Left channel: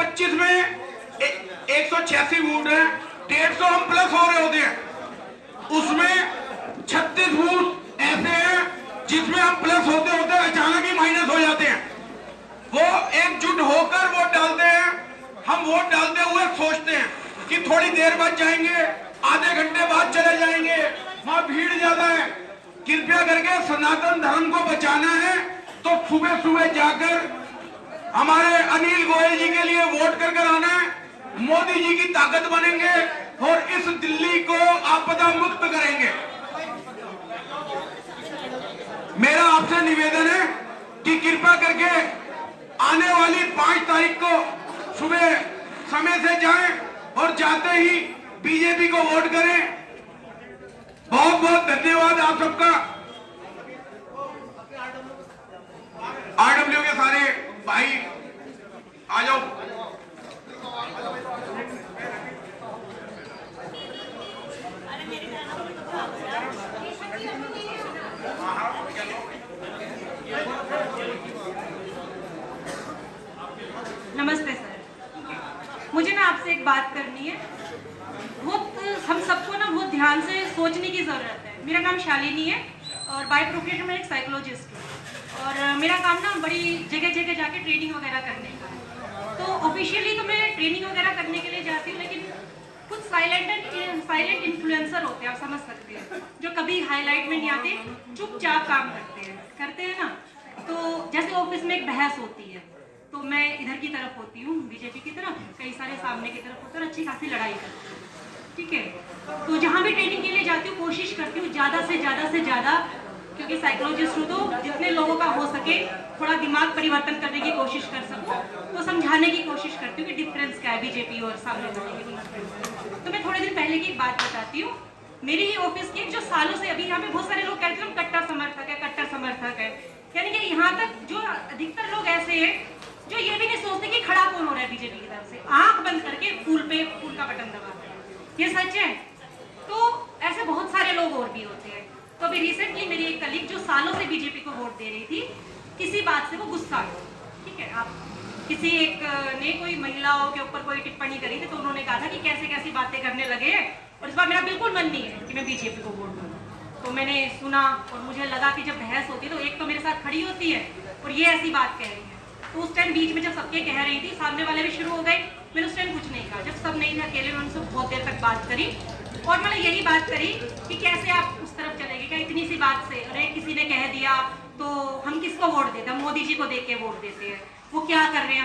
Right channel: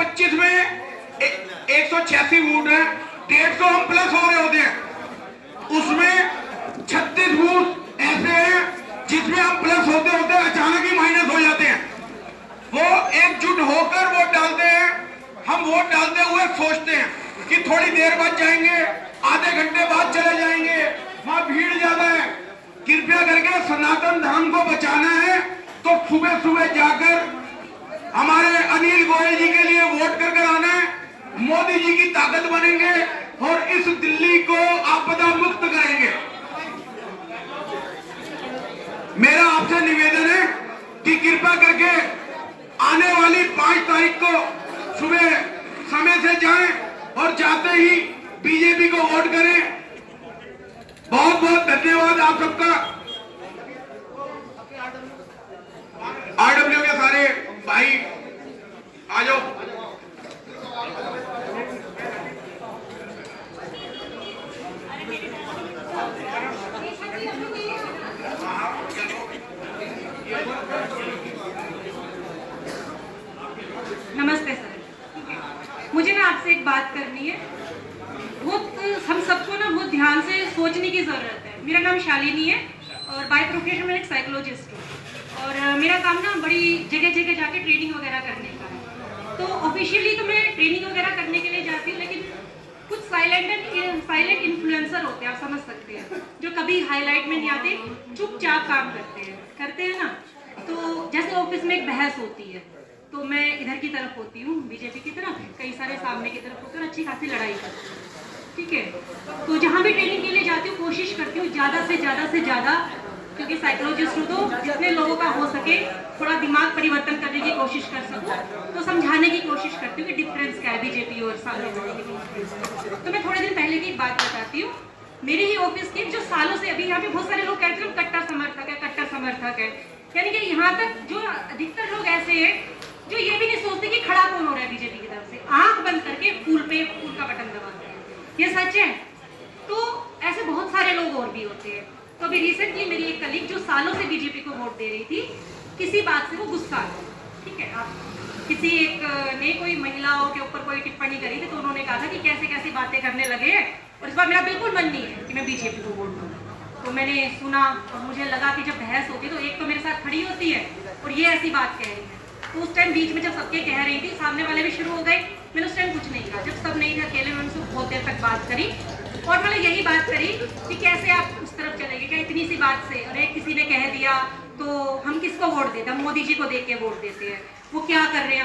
2025 में 186 वोट है, 150 हम प्लस हो रहे होते हैं, उसमें 36 वोट ऐसे हैं जिसमें हम प्लस होते होते अचानक ही माइनस हो जाते हैं। वो एकजुट होकर वोट डालते हैं, हम वोट डालते हुए सोचते हैं कि थोड़ी देर बाद जाएंगे, आधे घंटे बाद चले जाएंगे, वहां भीड़ ज्यादा है। कृपया करके सनातन धर्म को बचाना है तो सुबह सुबह जाकर हमारे अनिल गोयल जी के लिए वोट कर कर आना है। मोदी जी की ताकत बनेंगे और इस दिल्ली को आपदा मुक्त करेंगे। मेरा आपसे निवेदन है कि कृपया करके आने वाली 5 तारीख को सुबह समय से जाएं और जाते ही बीजेपी को वोट करें। बहुत बहुत धन्यवाद आप सबका। आरडब्ल्यू के सारे भाई आ जाओ। नमस्ते सर, मुझे ना आपसे एक बात करनी है। बहुत हम सबको ना बहुत ध्यान से सोचने की जरूरत है। मेरा नाम शालिनी है और बाय प्रोफेशन में एक साइकोलॉजिस्ट हूँ और मेरा काम ना बड़ी जगह जगह जाके ट्रेनिंग वगैरह करने का है। तो ऑफिशियली तो मैं ट्रेनिंग वगैरह करने के लिए जाती हूँ, लेकिन कुछ साइलेंट इन्फ्लुएंसर होते हैं, आप समझ सकते हैं, जो कभी हाईलाइट में नहीं आते, चुपचाप काम करते हैं ना। तो जैसे ऑफिस में एक बहस होती है तो मैं इधर की तरफ होती हूँ, बीजेपी की तरफ, कई सारे सामने की तरफ होते हैं और अच्छी खासी लड़ाई करती हूँ, ठीक है। तो जहाँ भी ट्रेनिंग के लिए जाती हूँ कोशिश करती हूँ ज़्यादा से ज़्यादा, क्योंकि साइकोलॉजिस्ट हूँ, तो जितने लोगों का हो सके थोड़ा दिमाग परिवर्तन करने की कोशिश कर सकूँ, तो समझाने की कोशिश करती हूँ कि डिफरेंस क्या है बीजेपी और सामने वाले के। तो मैं थोड़े दिन पहले की एक बात बताती हूँ। मेरी ही ऑफिस की जो सालों से, अभी यहाँ पे बहुत सारे लोग कहते हैं कट्टर समर्थक है, यानी कि यहाँ तक जो अधिकतर लोग ऐसे हैं जो ये भी नहीं सोचते कि खड़ा कौन हो रहा है बीजेपी की तरफ से, आंख बंद करके फूल का बटन दबाते हैं। ये सच है। तो ऐसे बहुत सारे लोग और भी होते हैं। तो अभी रिसेंटली मेरी एक कलीग जो सालों से बीजेपी को वोट दे रही थी, किसी बात से वो गुस्सा आ गई, ठीक है। आप किसी एक ने कोई महिलाओं के ऊपर कोई टिप्पणी करी थी, तो उन्होंने कहा था कि कैसे कैसी बातें करने लगे हैं, और इस बार मेरा बिल्कुल मन नहीं है कि मैं बीजेपी को वोट दूँ। तो मैंने सुना और मुझे लगा कि जब बहस होती है तो एक तो मेरे साथ खड़ी होती है और ये ऐसी बात कह रही है। तो उस टाइम बीच में जब सबके कह रही थी, सामने वाले भी शुरू हो गए, मैंने उस टाइम कुछ नहीं कहा। जब सब नहीं थे अकेले, मैंने उनसे बहुत देर तक बात करी और मैंने यही बात करी कि कैसे आप उस तरफ चले गए, क्या इतनी सी बात से, अरे किसी ने कह दिया तो हम किसको वोट देते हैं, हम मोदी जी को देख के वोट देते हैं, वो क्या कर रहे हैं।